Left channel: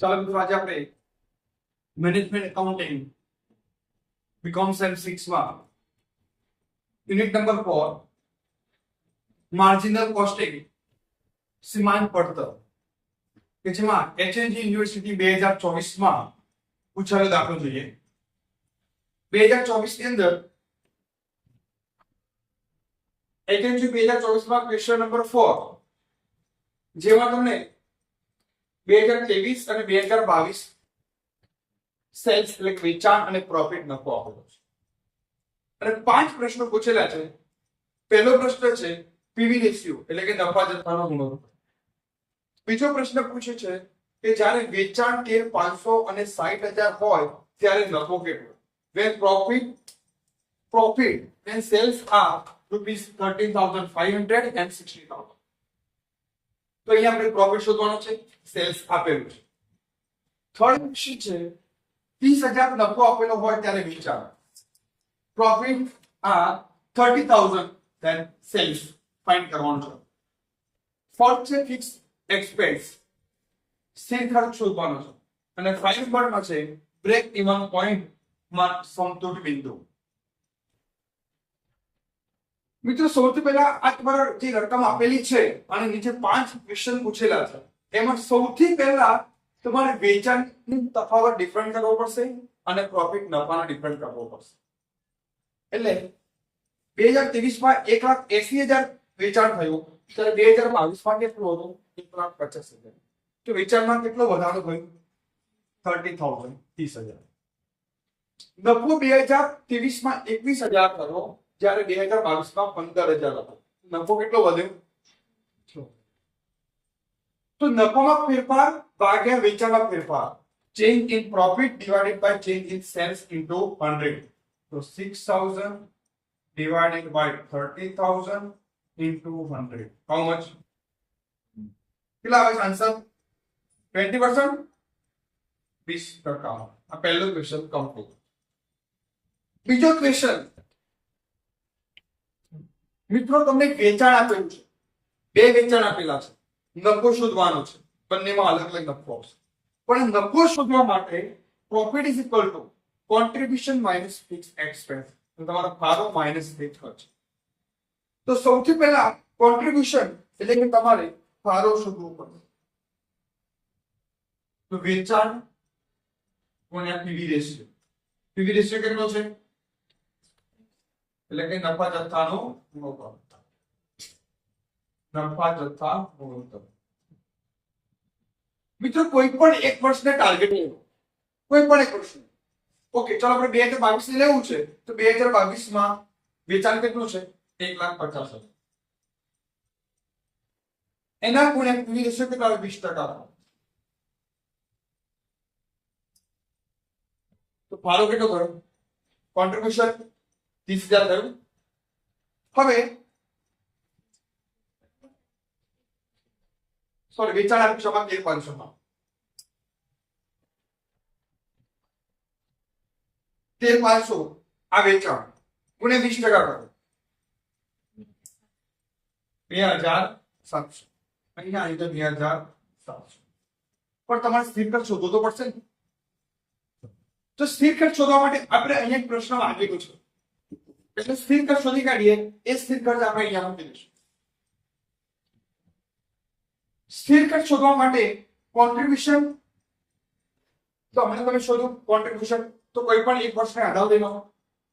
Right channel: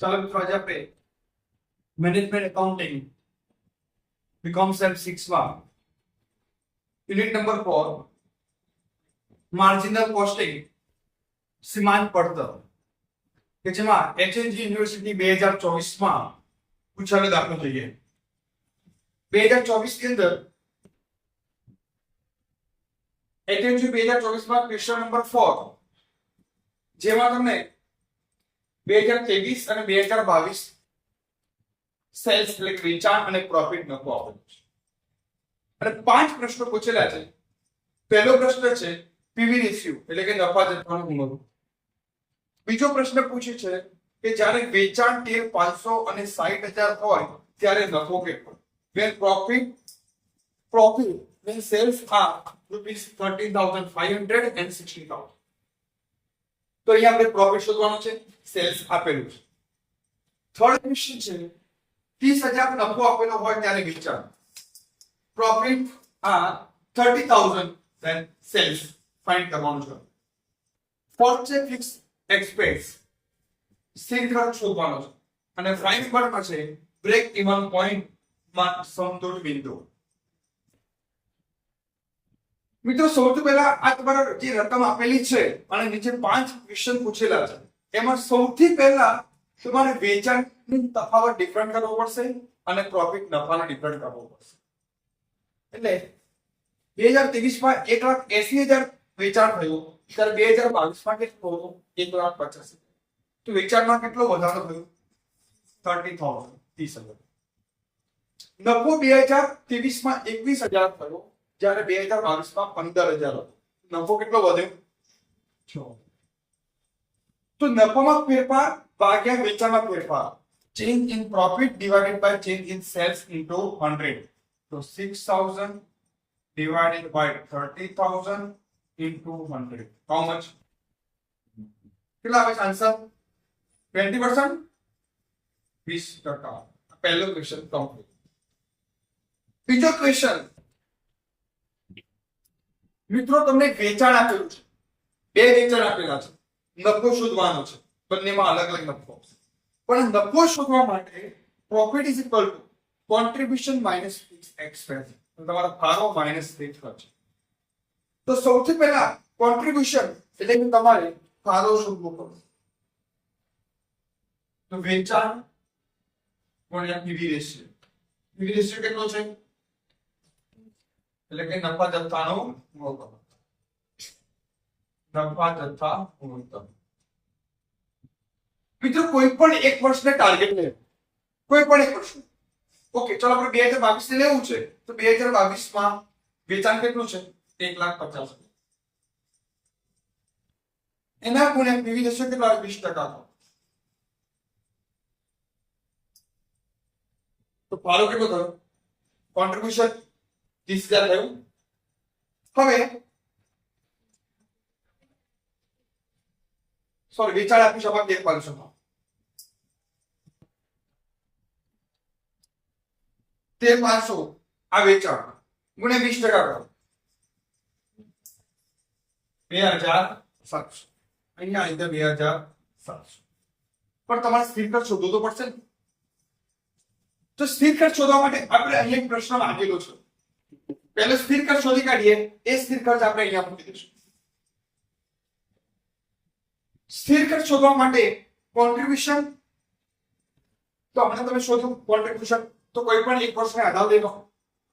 ચાલો મિત્રો આજે આપણે મેનેજમેન્ટ એકાઉન્ટિંગ બીકોમ સેમ 6 માં યુનિટ નંબર 4 માર્જિનલ કોસ્ટિંગ સીમાંત પડતર કે જેમાં એચએનજી યુનિવર્સિટી 2024 માં પૂછાયેલો દાખલો જોઈએ. 2024 ની અંદર એચએનજી 2024 માં ક્વેશ્ચન નંબર 4 જેમાં તમને 2023 અને 2022 સેલ્સ એટલે કે વેચાણ અને પ્રોફિટ નફો આપેલો છે અને 5 પ્રશ્નો પૂછેલા છે. પહેલો પ્રશ્ન છે પીવી રેશિયો એટલે કે નફા જથ્થાનો ગુણોત્તર. બીજો પ્રશ્ન પૂછે છે કે જ્યારે વેચાણ ટેર 500 અને 60,000 હોય ત્યારે નફો કેટલો? when profit when sales are rupees 13,500 and 60,000. તો અહીંયા આપણે પ્રોફિટ શોધવાનો છે, સેલ્સ આપેલું છે. થર્ડ ક્વેશ્ચન છે 30,000 નફો આપેલો હોય ત્યારે વેચાણ, પ્રોફિટ આ 30,000 then સેલ્સ ફાઇન્ડ કરવાનું છે. ફોર્થ છે ફિક્સ એક્સપેન્સ, સ્થિર ખર્ચ શોધવાનો છે અને ફાઇવ નંબરમાં છે બ્રેક ઇવન પોઈન્ટ માં સમતૂર બિંદુ. મિત્રો સૌથી પહેલા આ તમારો જે રકમ આપેલી છે અને નીચે 5 ક્વેશ્ચન પૂછેલા છે એમાં સૌથી પહેલા તમારે વેચાણની તફાવત ડિફરન્ટ કરવો પડશે અને પ્રોફિટ નફાને ડિફરન્ટ કરવો પડશે. એટલે 2023 માં 1,80,000 વેચાણ થયું ત્યારે 2022 માં કેટલું હતું? 1,50,000. તો વેચાણમાં કેટલો વધારો થયો? 30,000 30,000. નફો 2023 માં 21,000 થયો જ્યારે 2022 માં 15,000 હતો. નફો કેટલો વધ્યો? 6. તો નફામાં ફેરફાર ભાગ્યા વેચાણમાં ફેરફાર, change in profit divided by change in sales into 100. તો 6,000 divided by 30,000 into 100. How much? કેટલા આવે આન્સર? 20%? 20%. આ પહેલો ક્વેશ્ચન કમ્પ્લીટ. બીજો ક્વેશ્ચન મિત્રો તમને વેચાણ આપેલું છે, બે વેચાણ આપેલા છે, નફો શોધવાનો છે, બંનેમાં અલગ અલગ નફો આવશે. પણ નફો શોધવા માટે profit is equal to contribution minus fix expense, તમારો ફાળો માઇનસ સ્થિર ખર્ચ. તો સૌથી પહેલા કોન્ટ્રીબ્યુશન એટલે કે તમારે ફાળો શોધવો પડશે. તો વેચાણ ગુણ્યા પીવી રેશિયો. પીવી રેશિયો કેટલો છે? એટલે કે નફા જથ્થાનો ગુણોત્તર. નફા જથ્થા ગુણોત્તર. મિત્રો કોઈ પણ એક વર્ષને ટાર્ગેટ લેવો, કોઈ પણ એક વર્ષ. ઓકે ચાલો આપણે 2022 ને લેવું છે તો 2022 માં વેચાણ કેટલું છે? 1,50,000. એના ગુણ્યા પીવી રેશિયો કેટલો આવે? 20%. તો ફાળો કેટલો થયો? કોન્ટ્રીબ્યુશન 30,000 થયું. હવે સોરી વેચાણ આપી શકાય 1,500 માં 1,500 આ વેચાણ ગુણ્યા 20% કરો 2,700. અહીંયા આવી ગયો 2,700. પણ તમારે સ્થિર ખર્ચ શોધવો તો પડશે ને. તો સ્થિર ખર્ચ શોધવા માટે આપણે અહીંયા એક પ્રશ્ન માંગેલો છે. પહેલો સ્થિર ખર્ચ શોધી કાઢીએ. એ સ્થિર ખર્ચ આપણે અહીંયા મૂકી દઈશું. સ્થિર ખર્ચ શોધવા માટે કોન્ટ્રીબ્યુશન તો હમણાં તમે શોધો કોન્ટ્રીબ્યુશન તો કોઈ પણ એક વર્ષને આધાર લઈ લો.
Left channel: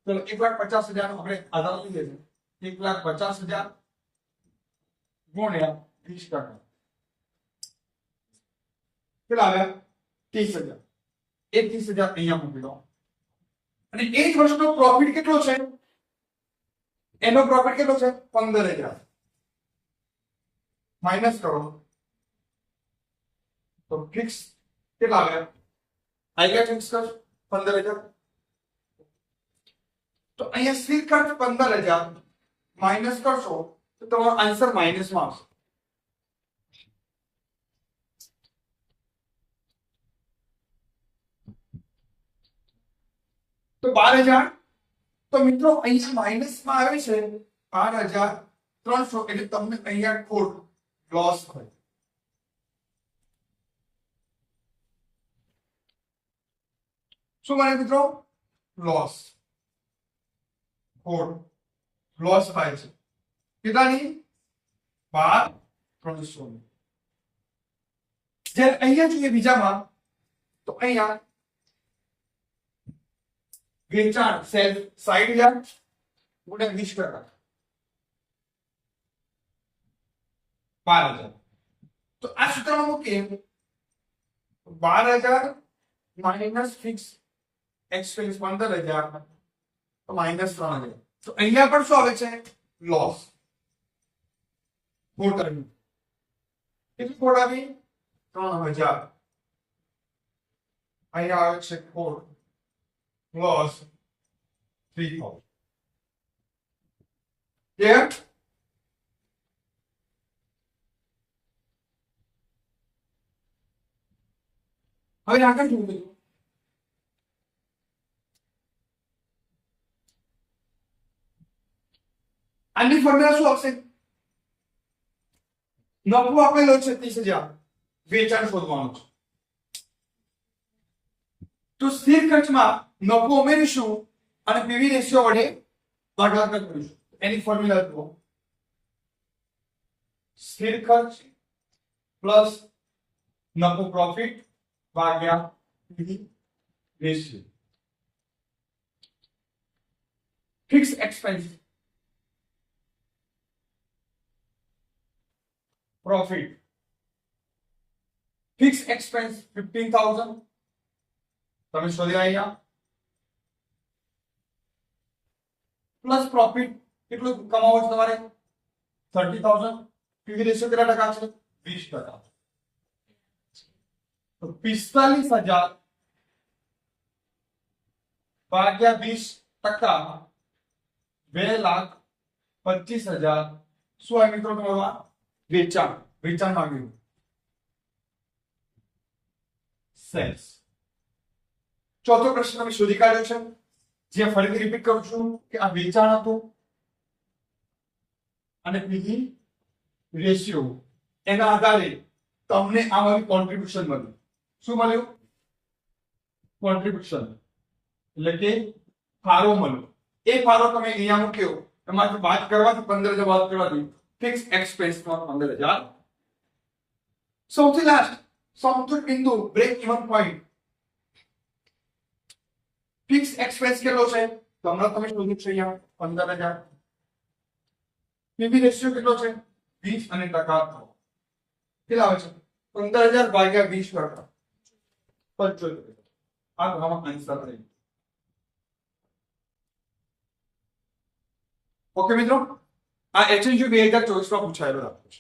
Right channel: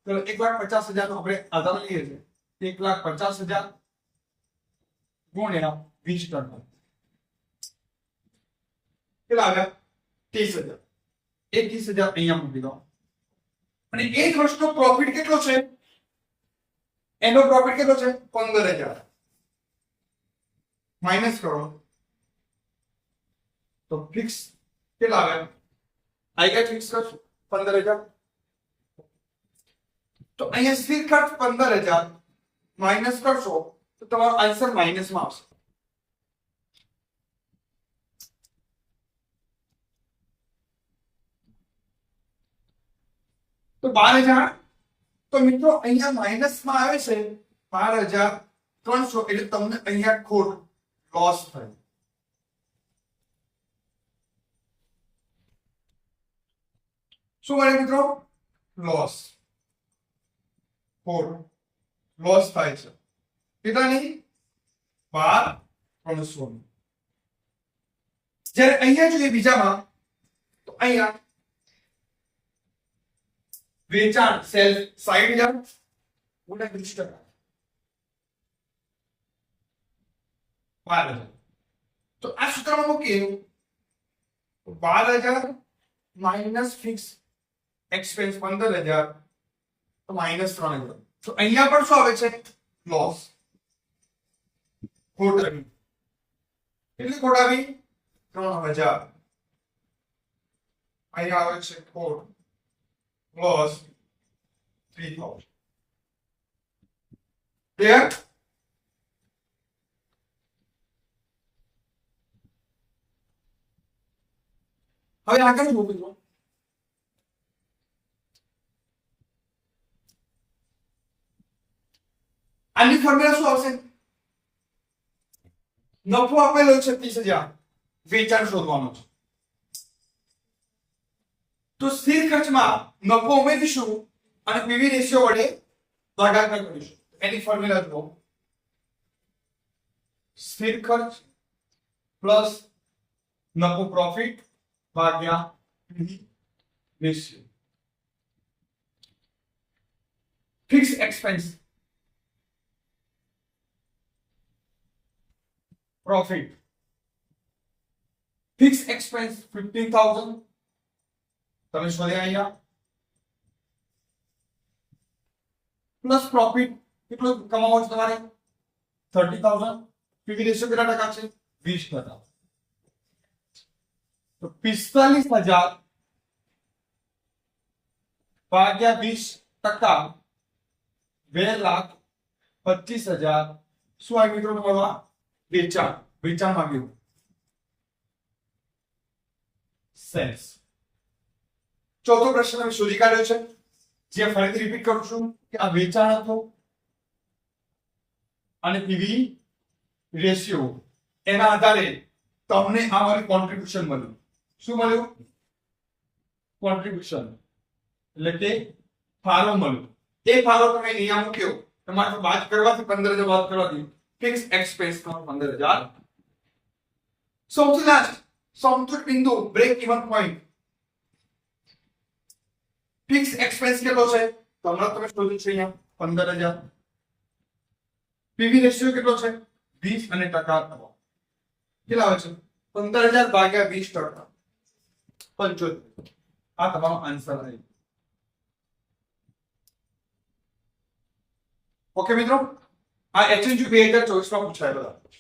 તો 1,50,000 નો આપણે આધાર લઈએ છીએ. 1,50,000 ગુણ્યા 20%. કેટલા આવ્યા? 30,000. એ 30,000 અહીંયા મૂકી દો. અને એક વર્ષનો પ્રોફિટ કેટલો છે? એનો પ્રોફિટ કેટલો છે? 15,000. માઇનસ કરો તો ફિક્સ કેટલા આવે? આઈ ગયા ફિક્સ ખર્ચ 15,000. તો અહીંયા સ્થિર ખર્ચ 15,000 માઇનસ કરશો તો તમારો આન્સર માઇનસમાં આવશે. તો 12,000. તો મિત્રો અહીંયા માઇનસમાં આવે છે 12,300 એટલે તમને અહીંયા ખોટ લોસ થાય. શું મળે મિત્રો? લોસ. ખોટ લોસ થાય છે કેટલાની? 12,300. જ્યારે અહીંયા જોઈએ બીજામાં તો અહીંયા વેચાણ સેલ્સ 60,000 ગુણ્યા 20%, 12,000. તો આ સૂત્રમાં મૂકીએ 12,000 માઇનસ ફિક્સ એક્સપેન્સ 15,000 તો માઇનસ 3,000. તો અહીંયા પણ શું આવે છે? લોસ. ખોટ આવી. કેટલી ખોટ આવી? 3,000. અહીંયા આવે છે ખોટ લોસ 3,000. ક્લિયર? હવે આગળ જુઓ મિત્રો. આની ફોર્મ્યુલા શું આવશે? નફો આપેલો છે 30,000, વેચાણ શોધવાનું છે. તો સ્થિર ખર્ચમાં નફો ઉમેરીશું અને પીવી રેશિયો વડે ભાગાકાર કરીશું. એની ફોર્મ્યુલા જુઓ. સ્થિર ખર્ચ પ્લસ નફો પ્રોફિટ ભાગ્યા PV ratio. Fix expense profit. Fixed expense 15,000. તમે શોધ્યા અહીંયા. પ્લસ પ્રોફિટ કેટલું કમાવો છો તમારે? 30,000. પીવી રેશિયો કેટલા ટકા છે? 20%. તો 45,000 ભાગ્યા 20%, 2,25,000. શું આવે મિત્રો તમારું? વેચાણ માંગ્યું. સેલ્સ. ચોથો પ્રશ્ન અમે શોધી કાઢ્યો છે, જે ફરીથી રિપીટ કરું છું કે આ વેચાણ હતું અને પીવી રેશિયો, એના આધારે તમને આ મારું કોન્ટ્રીબ્યુશન મળ્યું. શું મળ્યું? કોન્ટ્રીબ્યુશન એટલે કે ફાળો મળ્યો. એ ફાળો તમે અહીંયા મૂક્યો, તમારે બાદ કરવાથી 15,000 બાદ કરવાથી ફિક્સ એક્સપેન્સ 15,000. સૌથી લાસ્ટ સમતુલ બિંદુ break even point. Fixed expense કેટલો છે? તો હમણાં તમે શોધ્યું છે અહીંયા 15,000. પીવી રેશિયો કેટલો છે? 20 અને ટકા કેટલા આવે છે? 15,000 ભાગ્યા 20%, 75. આ તમારો આન્સર આવી. ઓકે મિત્રો, આ HNG 2024 માં પૂછાયેલો છે.